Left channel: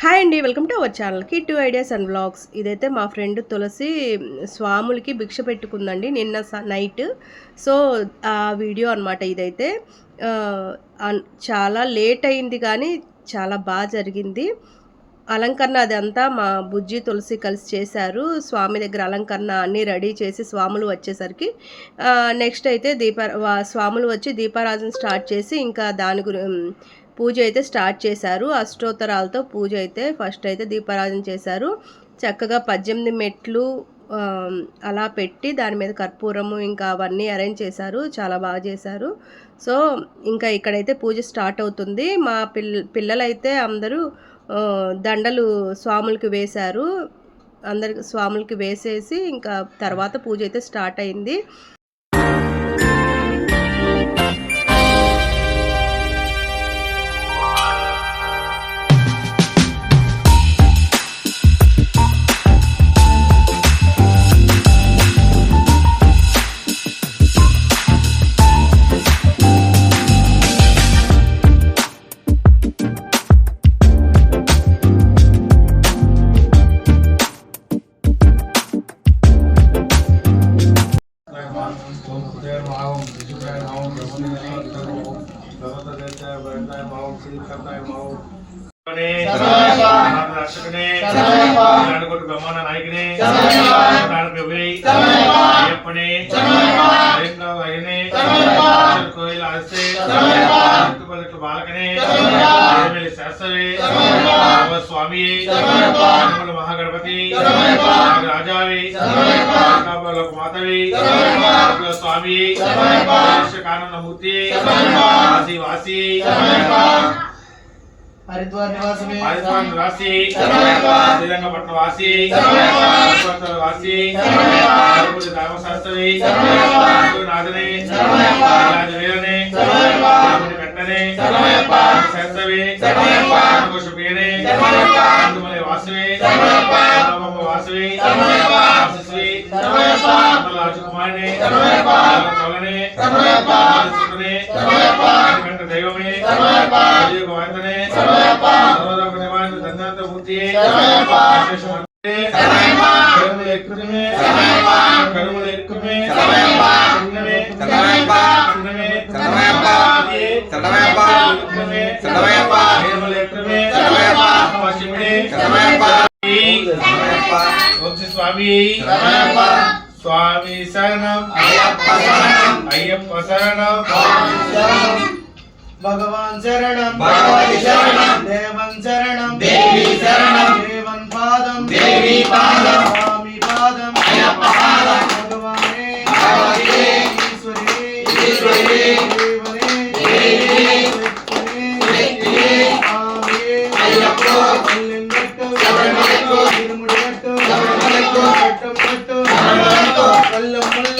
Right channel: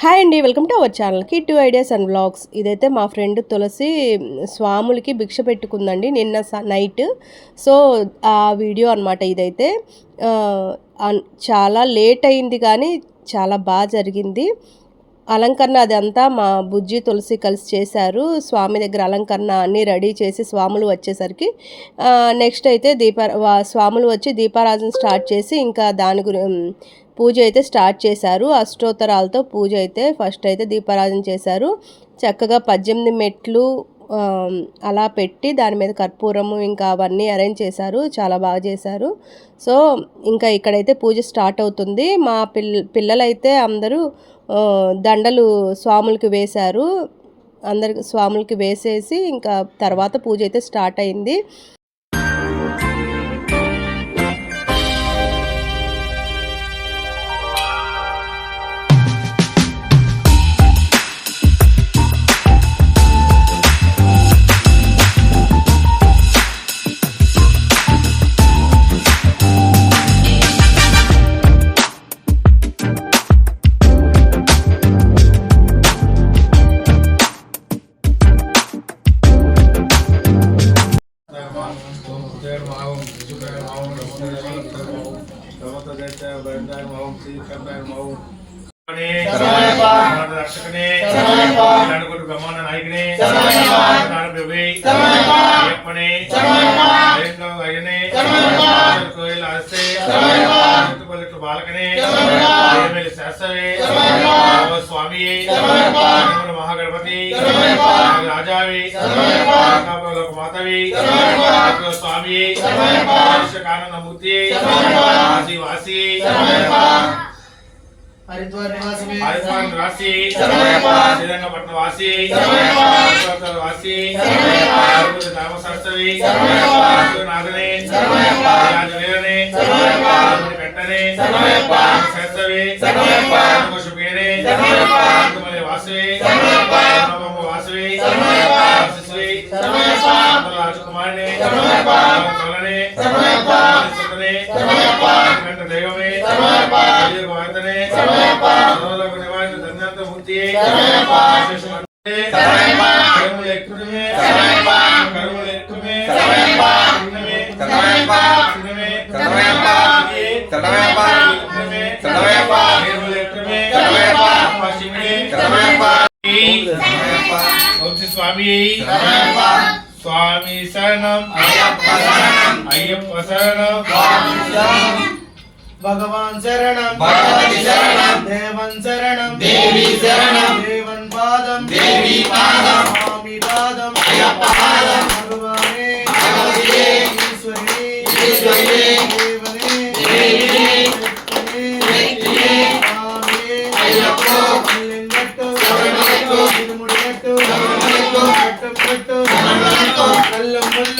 Hi అండి welcome to our ఛానల్కి two ideas and blogs ఇదైతే మా ఫ్రెండ్ తులసి స్వాములకి భిక్ష పెట్టుకుందండి నిన్న స- నైట్ సో ఆ వీడియో అనమాట ఇదైతే. చాలా లేట్ అయింది కానీ చాలా బాగా జరిగింది. అలంకరణ అదంతా మా బుజ్జి తులసి కలిసి చేశారు. స్వామి దగ్గర అలంకరణ అన్నీ రెడీ చేసి స్వాములు వచ్చేసరికి నెక్స్ట్ అయితే దీప వా- స్వాములు వచ్చి దీపారాధన స్టార్ట్ చేసి ఇంకా దాని గురి పూజ అయితే స్టార్ట్ చేశారు. అష్టోత్తరాలతో పూజ అయితే ఫస్ట్ అయితే దీపారాధన చేశారు. చక్కగా పద్దెనిమిది మెట్లు అలా పెట్టి దాని మీద కర్పూరము ఇంకా అవన్నీ అరేంజ్ చేశారు. చాలా బాగా చేశారు. సో ఇంకా ఇక్కడైతే పూజ స్టార్ట్ అవుతుంది. మా పిల్ పిల్లలైతే అందరూ దండలు స్వాములకి వేశారు. అందరికి స్వాములకి వేసేసి ఇంకా తర్వాత పూజ అయితే స్టార్ట్ అయింది. ಬ್ರಹ್ಮಾಂಡ ನಾಯಕನೇ ಅಯ್ಯಪ್ಪನೇ ಕೋಯಿಲ್ ಆಸೆ ಬಾಲಕನೇ ಶಾಸ್ತ್ರವೇ ಸ್ವಾಮಿ ಮಹಾಗಣಪತಿ రాజావి లోక మాతవి స్వామి కారణమూర్తి వాసి వాసి హరిద్వార్ నివాసమే హరిద్వార్ నివాసి శ్రీరంగపట్నం వాసి పుష్పవనం వాసి తిరుపతి ధర్మశాస్త్రి నాథనే రాజకుమారిని కలనే సుతనే కంట దైవమే కలియుగ వార్తనే సర్వలోక నివారణ దండాంత మూర్తియే కరుముల ఎక్కుమే కరుముల ఎక్కుమే చిన్నమే చిన్నమే చిన్నమే కరుముల ఎక్కుమే శివుడే వంశీ స్వామి స్వామి శరణం சுவாமி சரணம். ஐயப்ப சரணம். பகவான் சரணம். தேவன் சரணம். தேவி சரணம். தேவன் பாதம். தேவி பாதம். சுவாமி பாதம். பாதம். பகவானே. பகவதியே தேவனே. ஐயப்போ. இல்லங்கட்டோ சபரிமலைக்கோ. திருமுடியட்டோ கட்டம் கட்டம்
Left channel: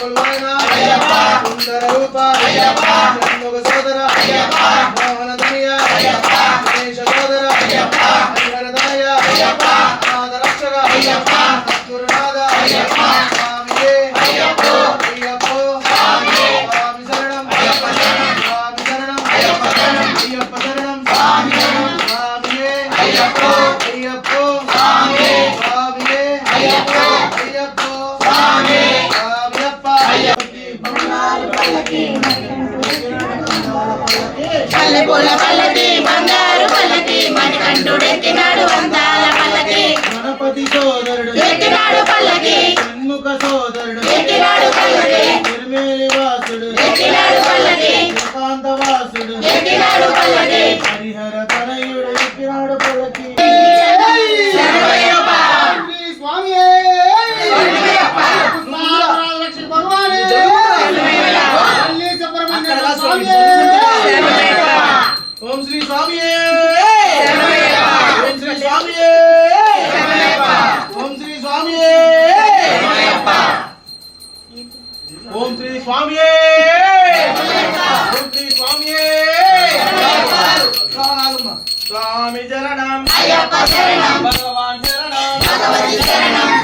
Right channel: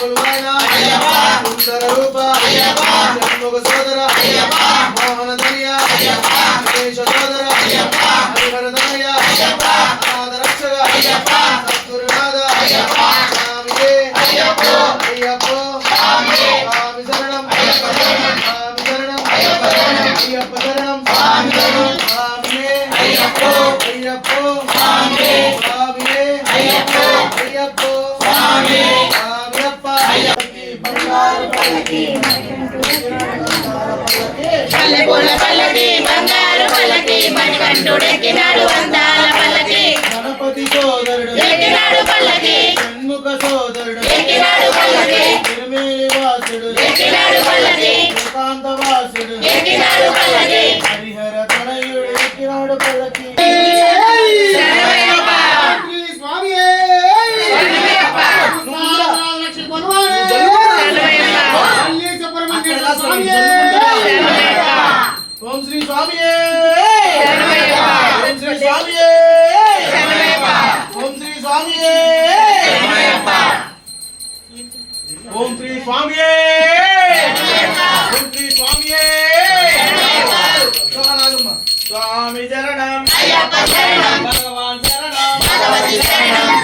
విడయ్యా. బింది విడయ్యా. స్వామి బంగారు పల్లకి. పల్లె పూల పల్లకి బంగారు పల్లకి మణికంఠుడెక్కినాడు అందాల పల్లకి గణపతి సోదరుడు. ఎక్కినాడు పల్లకి. షణ్ముఖ సోదరుడు ఎక్కినాడు పల్లకి. తిరుమేలి వాసుడు. ఎక్కినాడు పల్లకి. ఏకాంత వాసుడు ఎక్కినాడు స్వామియే! ఓం శ్రీ స్వామియే! ఓం శ్రీ స్వామియే! స్వామి శరణం! భగవాన్ శరణం!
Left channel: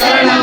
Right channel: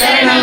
శరణం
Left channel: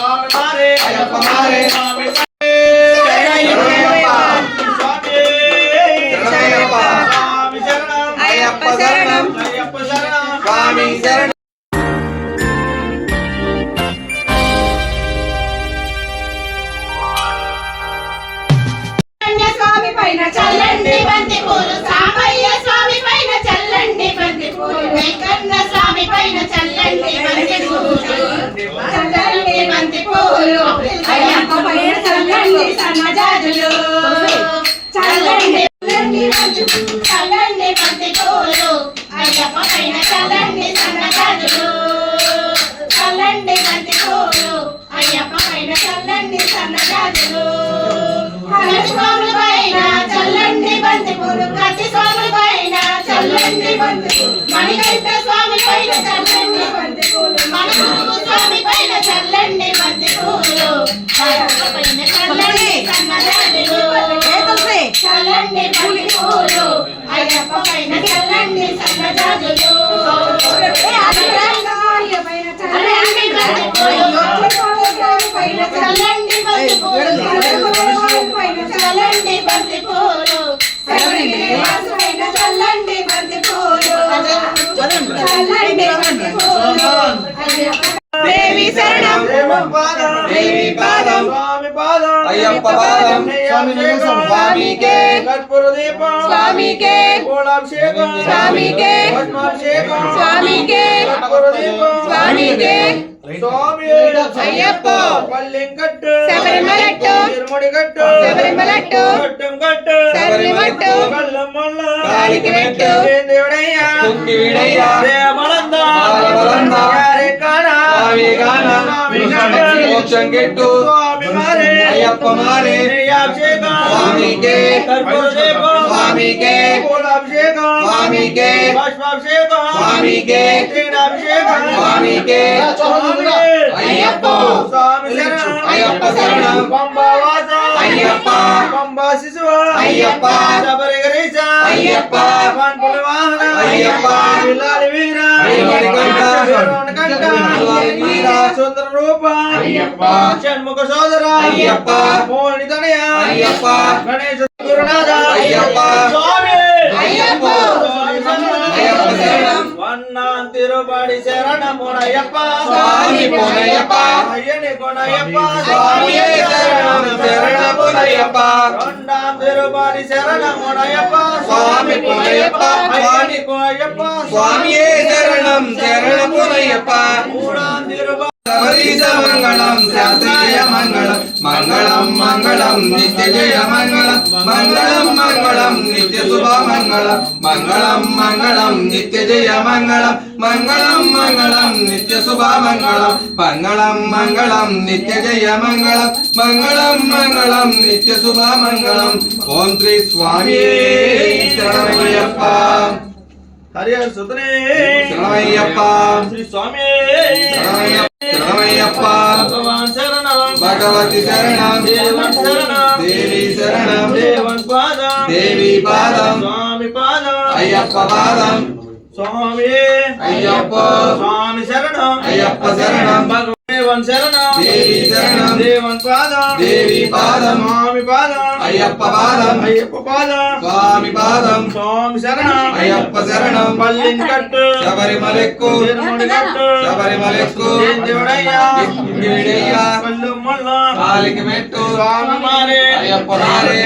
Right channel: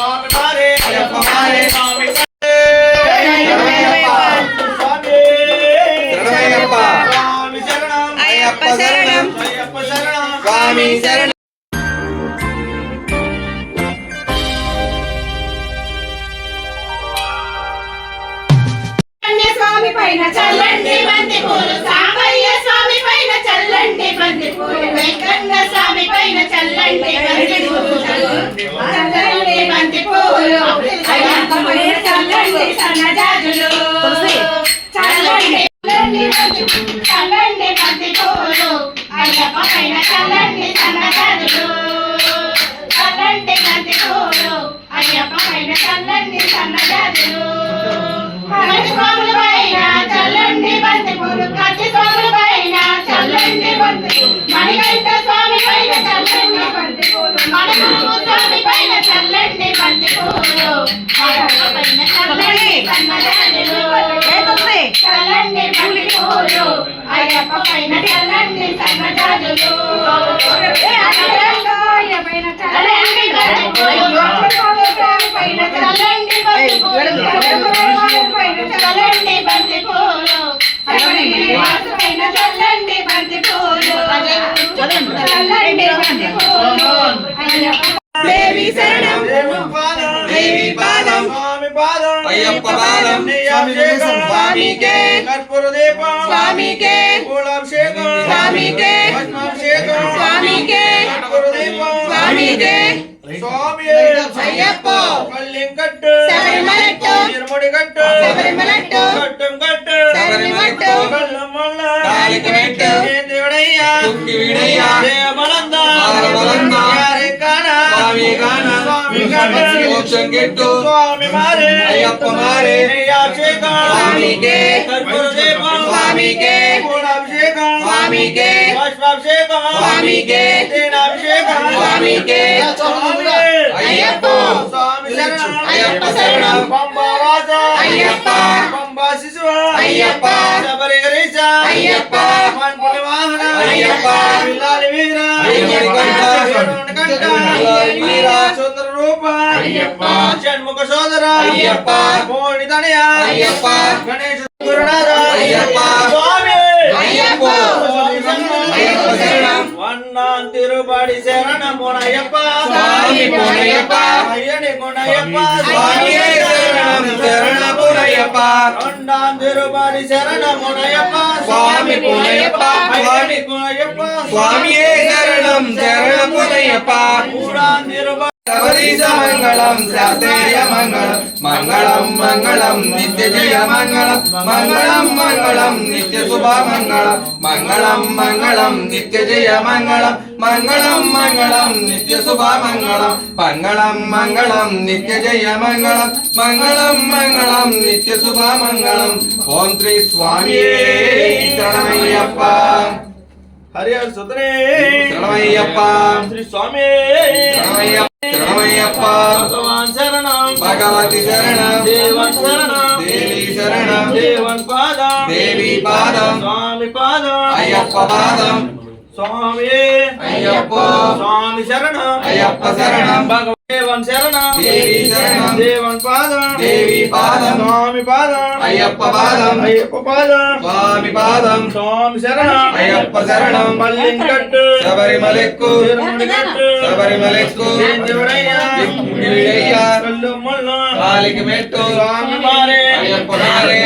అయ్యప్ప పైన చల్లండి సన్నజాజులు. చల్లండి చల్లండి బంతి అయ్యప్ప పైన చల్లండి సన్నజాజులు చల్లండి అయ్యప్ప పైన చల్లండి సన్నజాజులు పైన చల్లండి బంతి పూలు పైన చల్లండి చల్లండి బంతి పూలు అయ్యప్ప పైన చల్లండి సన్నజాజులు పైన చల్లండి బంతి పూలు అయ్యప్ప పాదం అభిషేకం స్వామికే కర్పూర దీపం స్వామికే పూలాభిషేకం స్వామికే పద్మాభిషేకం స్వామికే కర్పూర దీపం స్వామికే స్వామి అయ్యప్ప పల్లెంకట్టు శబరిమలట్టు తిరుముడిగట్టు శబరిమలట్టు కట్టం కట్టు శబరిమట్టు కల్లమ్మల్ల దానికి పెట్టు దేవుడయ్యా తుక్కి వీడయ్యా దేవమలంద ఆలవలంద యారే కాన पहुँचेंगे तो अय्यप तुम्हारे तो स्वामी के। स्वामी के। स्वामी के। स्वामी के। स्वामी के। अय्यप अय्यप शरणम अय्यप अय्यप अय्यप अय्यप अय्यप ರೂಪ ಅಯ್ಯಪ್ಪ ಷಣ್ಮುಖ ಸೋದರ ಅಯ್ಯಪ್ಪ ಮೋಹಿನಿ ತಡೆಯ ಅಯ್ಯಪ್ಪ ಗಣೇಶ ಗುರುನಾಥ ಅಯ್ಯಪ್ಪ ಸ್ವಾಮಿ ಅಯ್ಯಪ್ಪ வண்ணான் திருபாடி சரண போனையப்பா சாமி போனையப்பா ஐயனி போனையப்பா சாமி சரணம் சரண போனையப்பா வண்ணான் திருபாடி சரண போனையப்பா சாமி போனையப்பா ஐயனி போனையப்பா சுவாமியே சரணம். சரண போனையப்பா கூடான் திருபாடி മംഗളം ശാസ്ത്രീയ മംഗളം മംഗളം മംഗളം മംഗളം മംഗളം മംഗളം നിത്യശുഭ മംഗളം മംഗളം മംഗളം നിത്യജയ മംഗളം മംഗളം മംഗളം നിത്യശുഭ മംഗളം മംഗളം മംഗളം നിത്യജയ മംഗളം മംഗളം മംഗളം നിത്യശുഭ മംഗളം ഓം ശ്രീ സ്വാമിയേ ശരണയ്യപ്പ హరిహర భగవతి శరణం. దేవి శరణం. దేవి పాదం. స్వామి పాదం. అయ్యప్ప పాదం. స్వామి. అయ్యప్ప. స్వామి శరణం. అయ్యప్ప శరణం. శరణం. అయ్యప్ప పాదం. అయ్యప్ప పాదం. స్వామి పాదం. స్వామి శరణం. అయ్యప్ప శరణం. పల్లిని కట్టు శబరిమలెక్కు. శబరిమలెక్కు కాలికి మెట్టు. స్వామి మారే అయ్యప్ప మారే.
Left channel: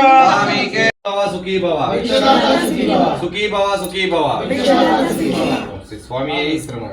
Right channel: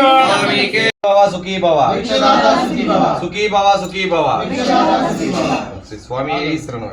స్వామికే భవ. సుఖీ భవ భిక్షదాత సుఖీ భవ. సుఖీ భవ సుఖీ భవ. భిక్షదాత సుఖీ భవ. స్వామి ఈశ్వరను?